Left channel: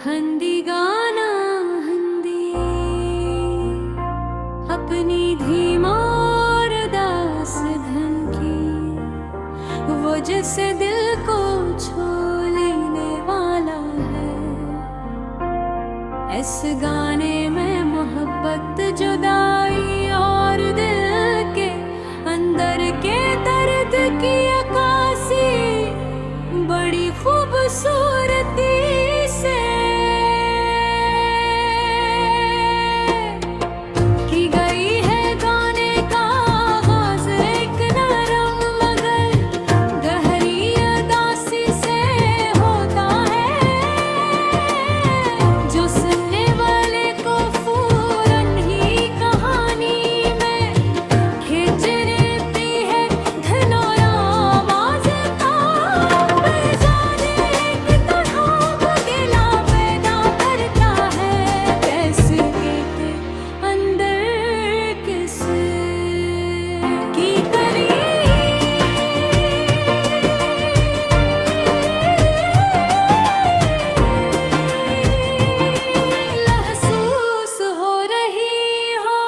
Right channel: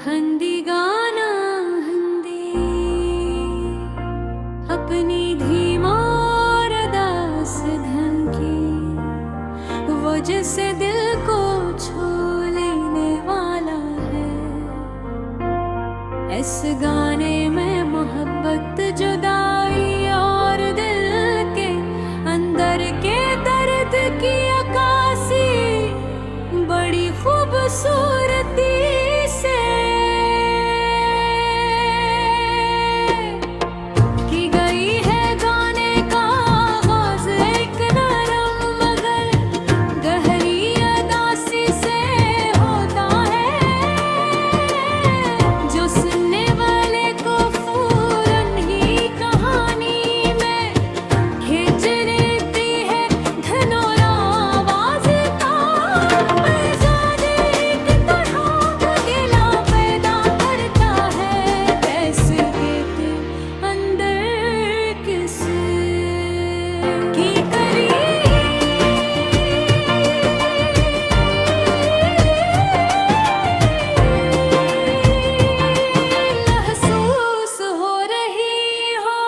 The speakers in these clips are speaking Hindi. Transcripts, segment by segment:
हंदी गाना हंदी अपनी धीमार दास धन की, वो जिसे दिल को छू लेने वाला है। इस गाने में मोहब्बत, जुदाई और दिल के अंदर के दर्द की अक्कासी बड़ी खूबसूरती से की गई है। गाने का आगाज एक नरम मगर गहरी अदासी से होता है, जो सुनने वाले को फौरन ही कहानी में खींच लेती है। धन और आवाज का मिजाज एक तरह अकेला पैदा करता है। कैसे कहते अंदर किस की करी महसूस हो रही हो।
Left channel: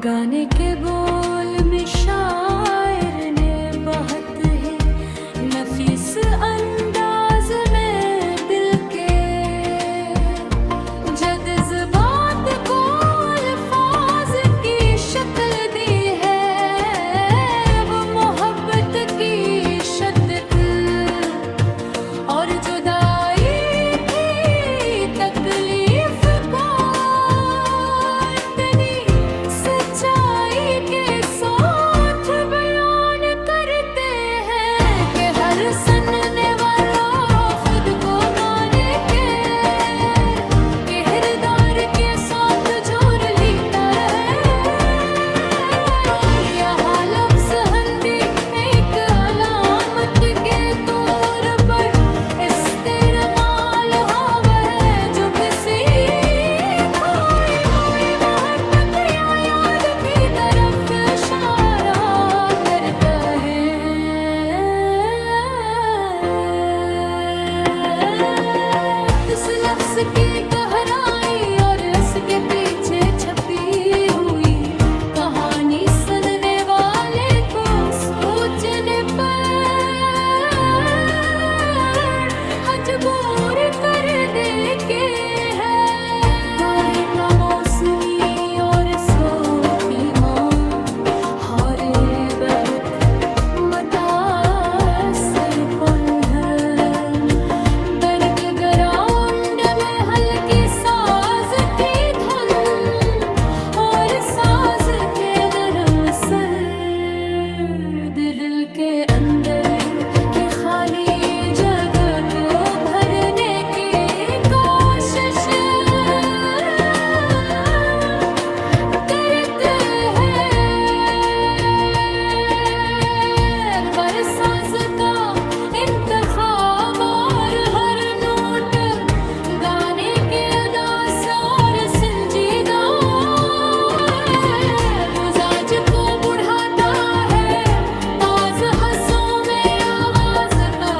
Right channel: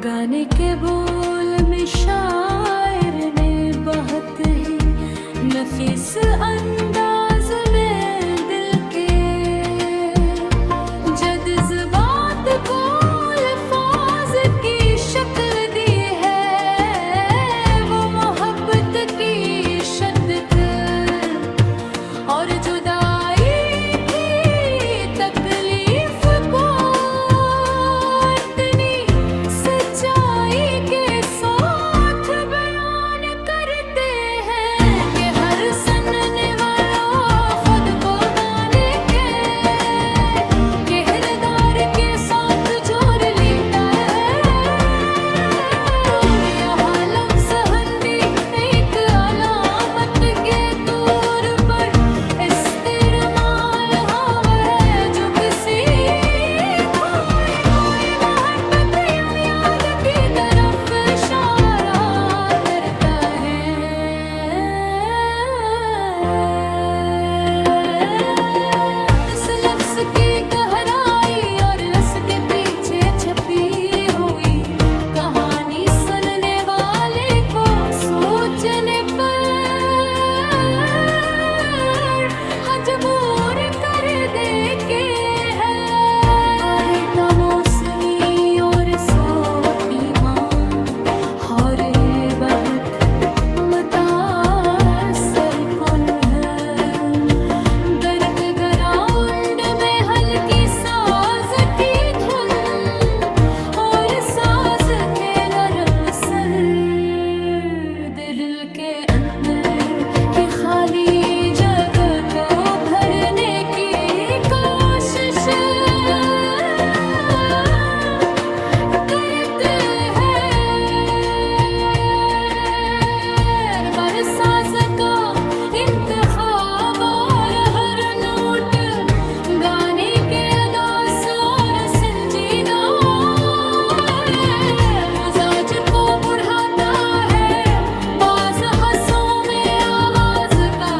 गाने के बोल में शायर ने बहुत ही नफीस अंदाज में दिल के जज्बात को अल्फाज की शक्ल दी है। वो मोहब्बत की शिद्दत और जुदाई की तकलीफ को इतनी सच्चाई के साथ बयान करते हैं कि हर सुनने वाला खुद को गाने के किरदार के साथ जोड़ लेता है। यहाँ लफ्ज़ हंदी एक अलामत के तौर पर इस्तेमाल हुआ है, जो किसी कोई मोहब्बत या याद की तरफ इशारा करता है। इस लफ्ज़ की गहराई और इसके पीछे छपी हुई कहानी सुनने वाले को सोचने पर मजबूर कर देके है। घर का मौसमी और सोती माँ और बहुत मुतासर कौन है। बैक ग्राउंड में हल्की साज की धुन और साज के नरम सर दिल के अंदर की खाली जगह को भरने की कोशिश करते हैं। बरसाज का इंतखाब और हर नोट गाने के अदास और संजीदा मिजाज को बढ़ाता है। बाज हंसों में आवाज का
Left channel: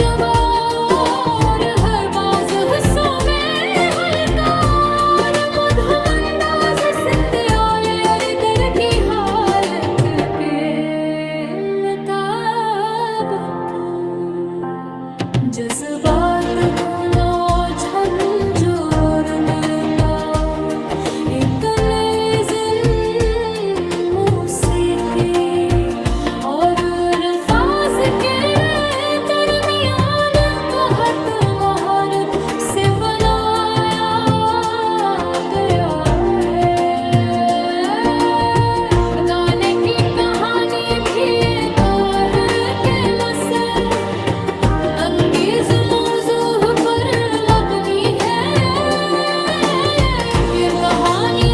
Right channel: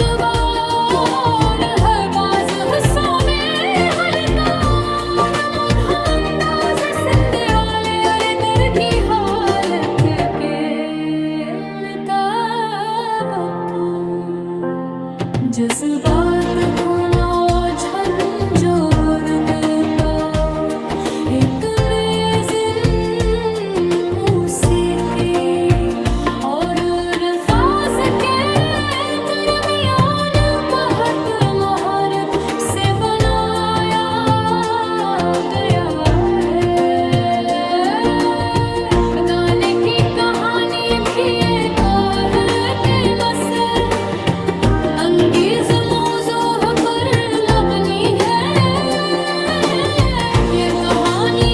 दबाव, हर बाज हंसों में हल्का और मधुर अंदाज संध्याले और इधर की हालत के मुताबिक जज्बात को झंझोर का एक लेज़िन मौसीकी और अल्फाज के दरमियान बहुत महारत से बनाया गया है। गाने की कहानी भी एक है के मसे अंगेज मौजू पर मबनी है। ये कहानी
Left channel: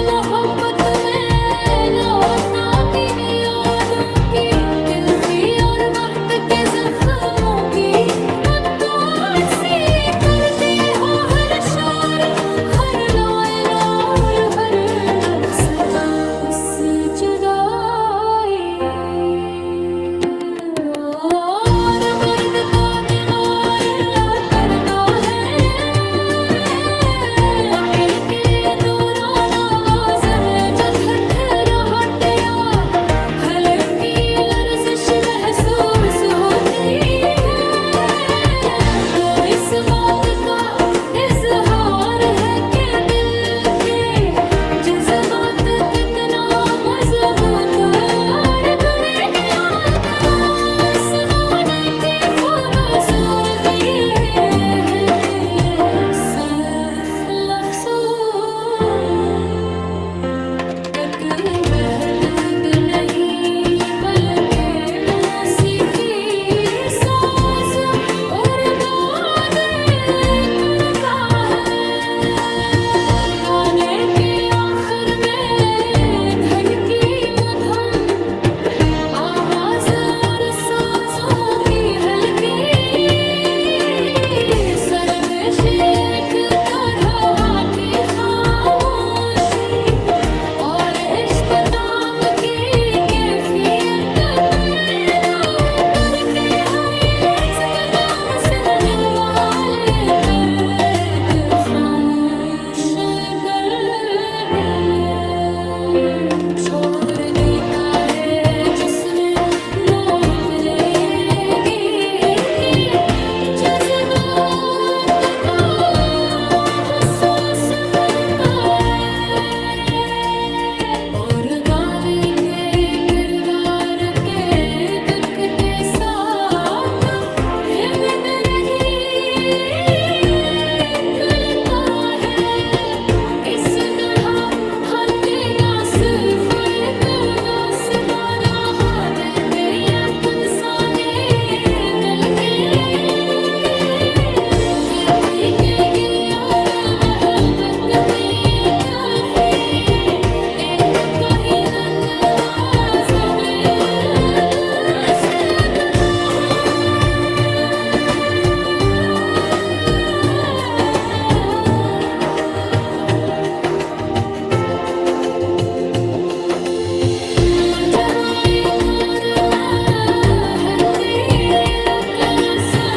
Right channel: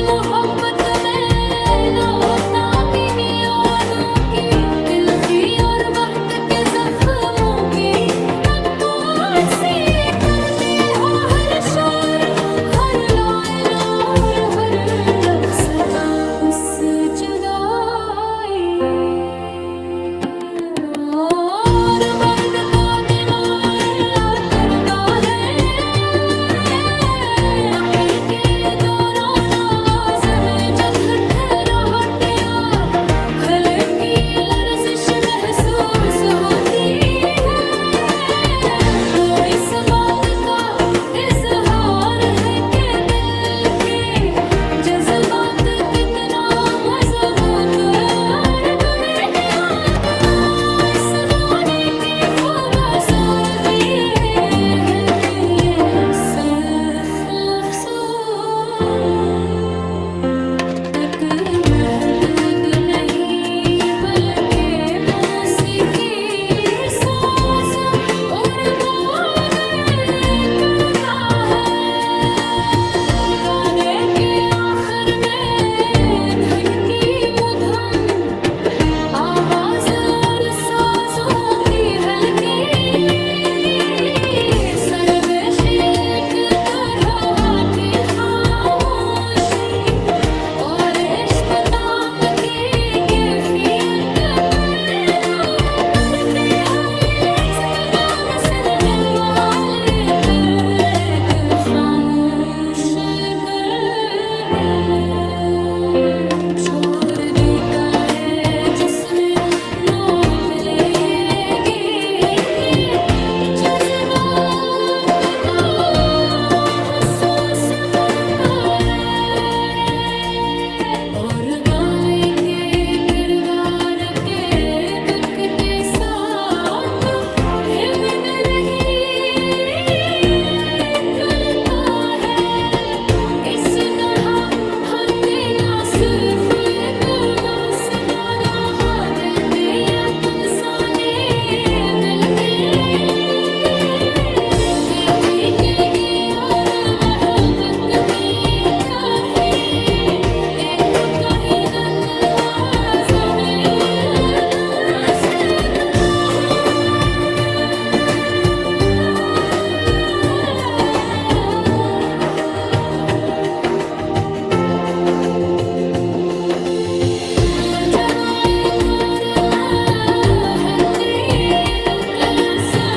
तरह हल्ले ना सिर्फ एक बस बारहा दिल पे यकुन साने दिल के की और मोहब्बत में जाते ये तो कहीं नन्वाज दिल बस मचराए कोर हल्दी रत्यासो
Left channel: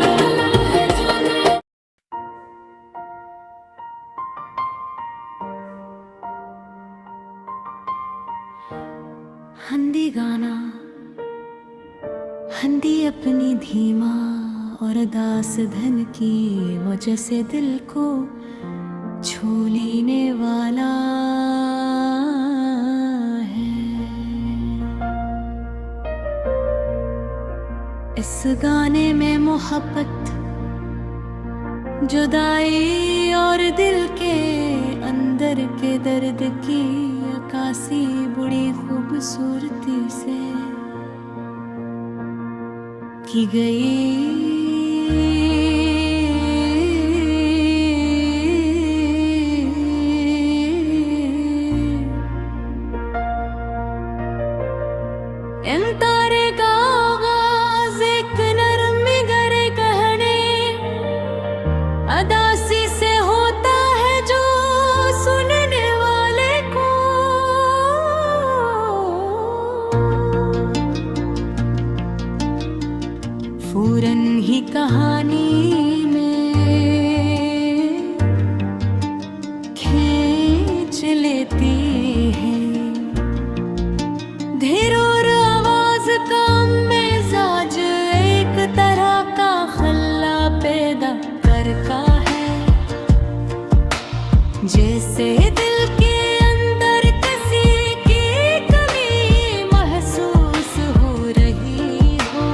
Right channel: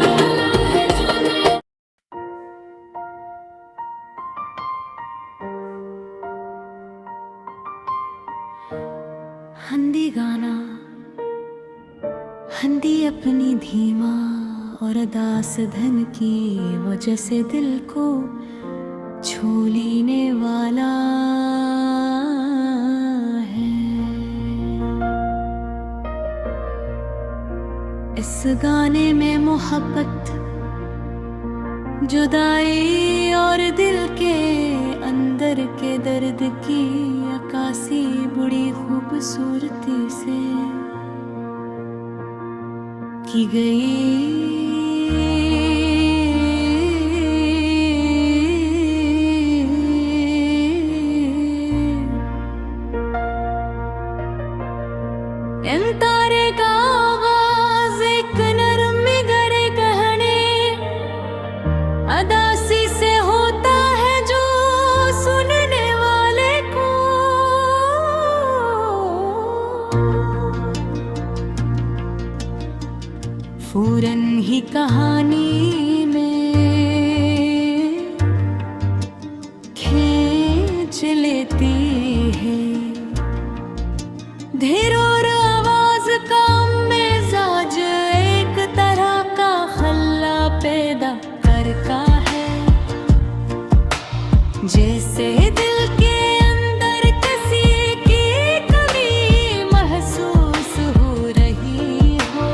गाना है जो दिल हंदी गाना हंदी अपनी धीमा और दास धन की वजह से दिल को छू लेने वाला है। इस गाने में मोहब्बत जुदाई और दिल के अंदर के दर्द की अक्कासी बड़ी खूबसूरती से की गई। इन तारे का आगाज एक नरम गरे कहने अदासी से होता है जो सुनने वाले को फौरन ही कहानी में खींच लेती है। धीर और आवाज का मिजाज एक तरह का खल्ला पैदा करता है जैसे दिल के अंदर किसी की कमी महसूस हो रही हो।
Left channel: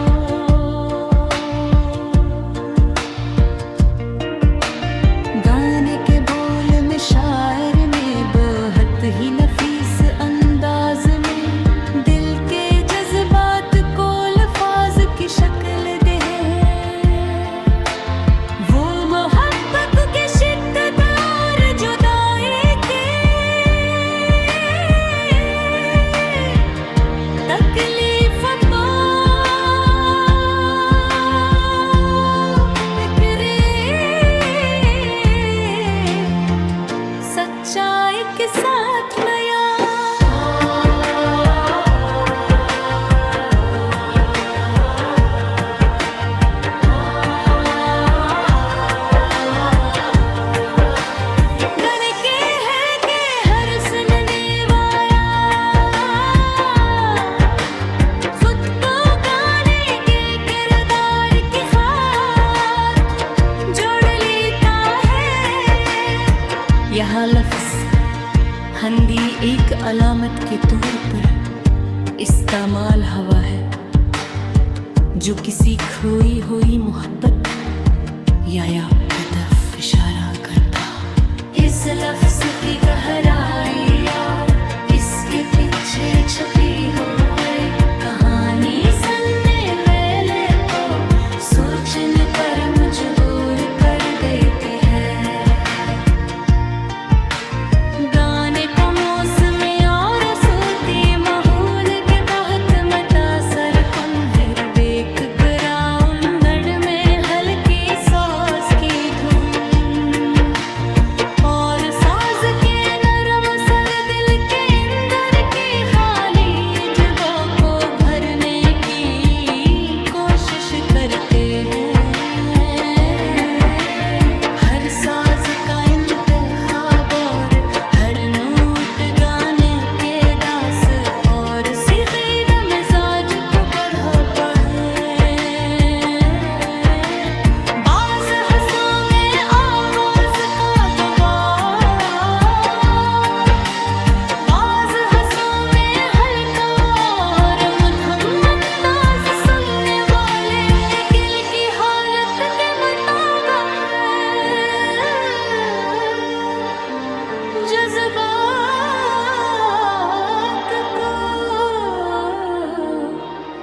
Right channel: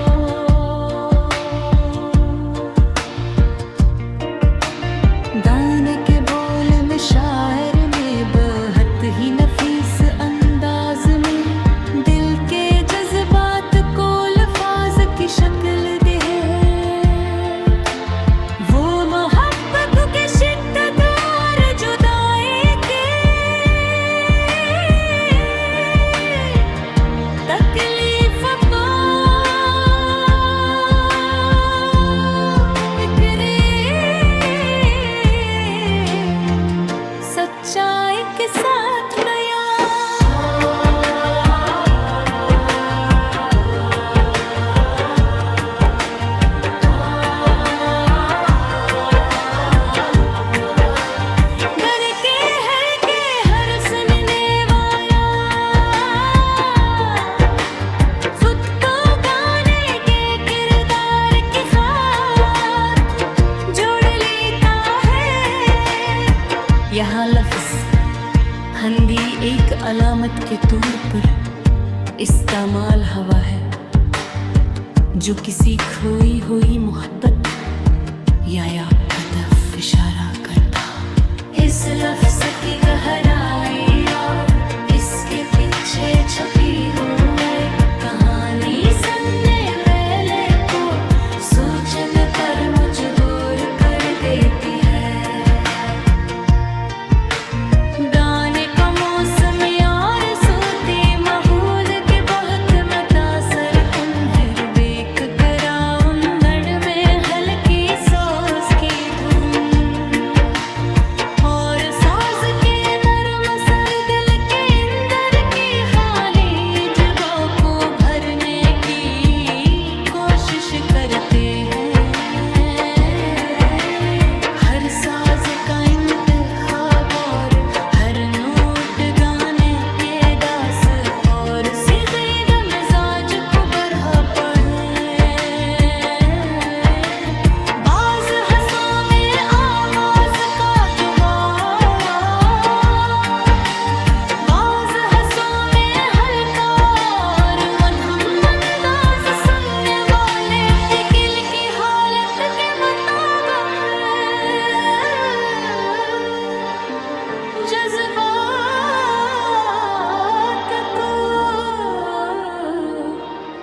गाने के बोल में शायर ने बहुत ही नफीस अंदाज में दिल के जज्बात को लफ्ज की शक्ल दे। वो मोहब्बत की शिद्दत और जुदाई के तकलीफ फिक्रे सच्चाई के साथ नया गाने के है कि हर सुनने वाला खुद को गाने के किरदार की खाक जोड़ लेता है। यहाँ लफ्ज हंदी एक अलामत के तौर पर इस्तेमाल हुआ है जो किसी खोई हुई मोहब्बत या याद की तरफ इशारा करता। इस लफ्ज की गहराई और इसके पीछे छपी हुई कहानी सुनने वाले को सोचने पर मजबूर कर देती है। गाने का मौसम और सोती माहौल के बहुत मुतासर कुन है। बेक ग्राउंड में हल्की सॉस की धुन और साज के नरम सर दिल के अंदर की खाली जगह को भरने की कोशिश करते हैं। हर साज का इंतखाब और हर नोट गाने के दास और सीखीदा मिजाज को बढ़ाता है। बाज हंसों में आवाज का दबाव, बाज हंसों में हल्का और मध्यम अंदाज सुनने वाले दिल की हालत के मुताबिक है।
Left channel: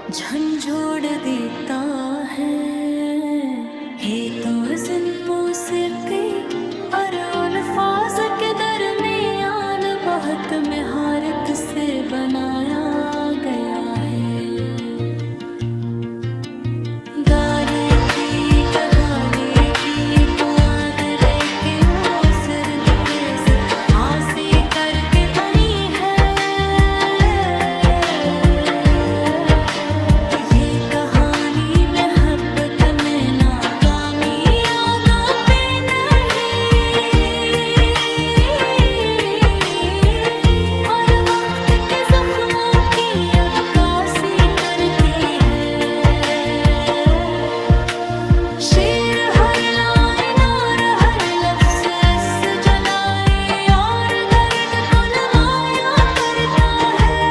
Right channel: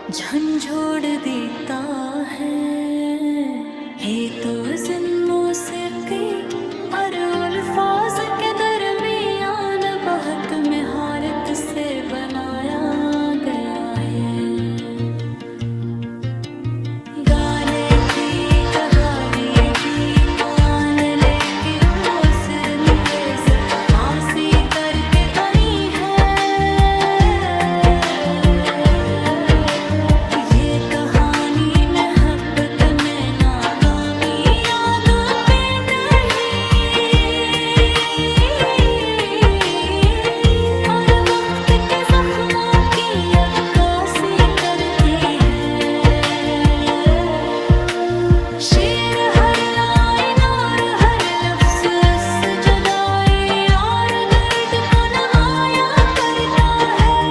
झंझोड़ देता है तो हज़न मौसीकी और अल्फाज के दरमियान बहुत महारत से बनाया गया है। गाने की कहानी की पुआन लेके असर नवेस आसी करके बनी है। ये कहानी मोहब्बत में नाकामी यादों पे नहीं और वक्त के जख्मों की अक्कासी करती है। शेर हर लाइन और हर लफ्ज़ जुदाई और दर्द को नुमाया करता है।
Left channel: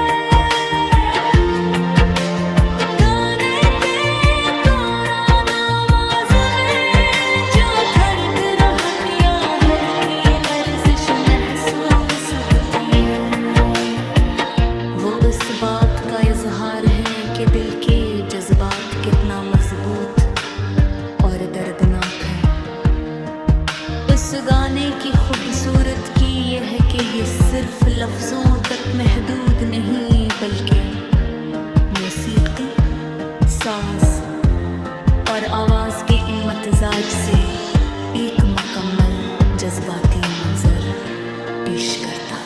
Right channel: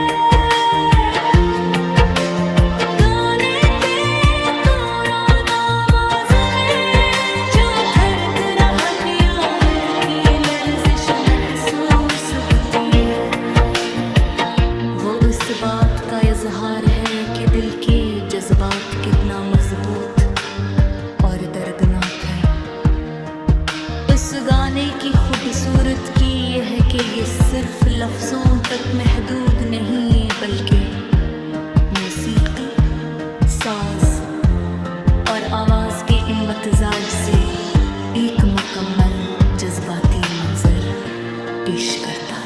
गाने के दौरान आवाज़ में जो धड़क रहत या हल्की लर्जिश महसूस होती है, वो इस बात का इजहार है कि दिल के जज्बात कितना मजबूत और दर्दनाक है। इस गाने की खूबसूरत की यह है कि ये सिर्फ लफ्ज़ों तक महदूद नहीं बल्कि मौसीकी, साज और आवाज़ के इम्तिजाज से एक मुकम्मल जज्बाती मंजर पेश करता है।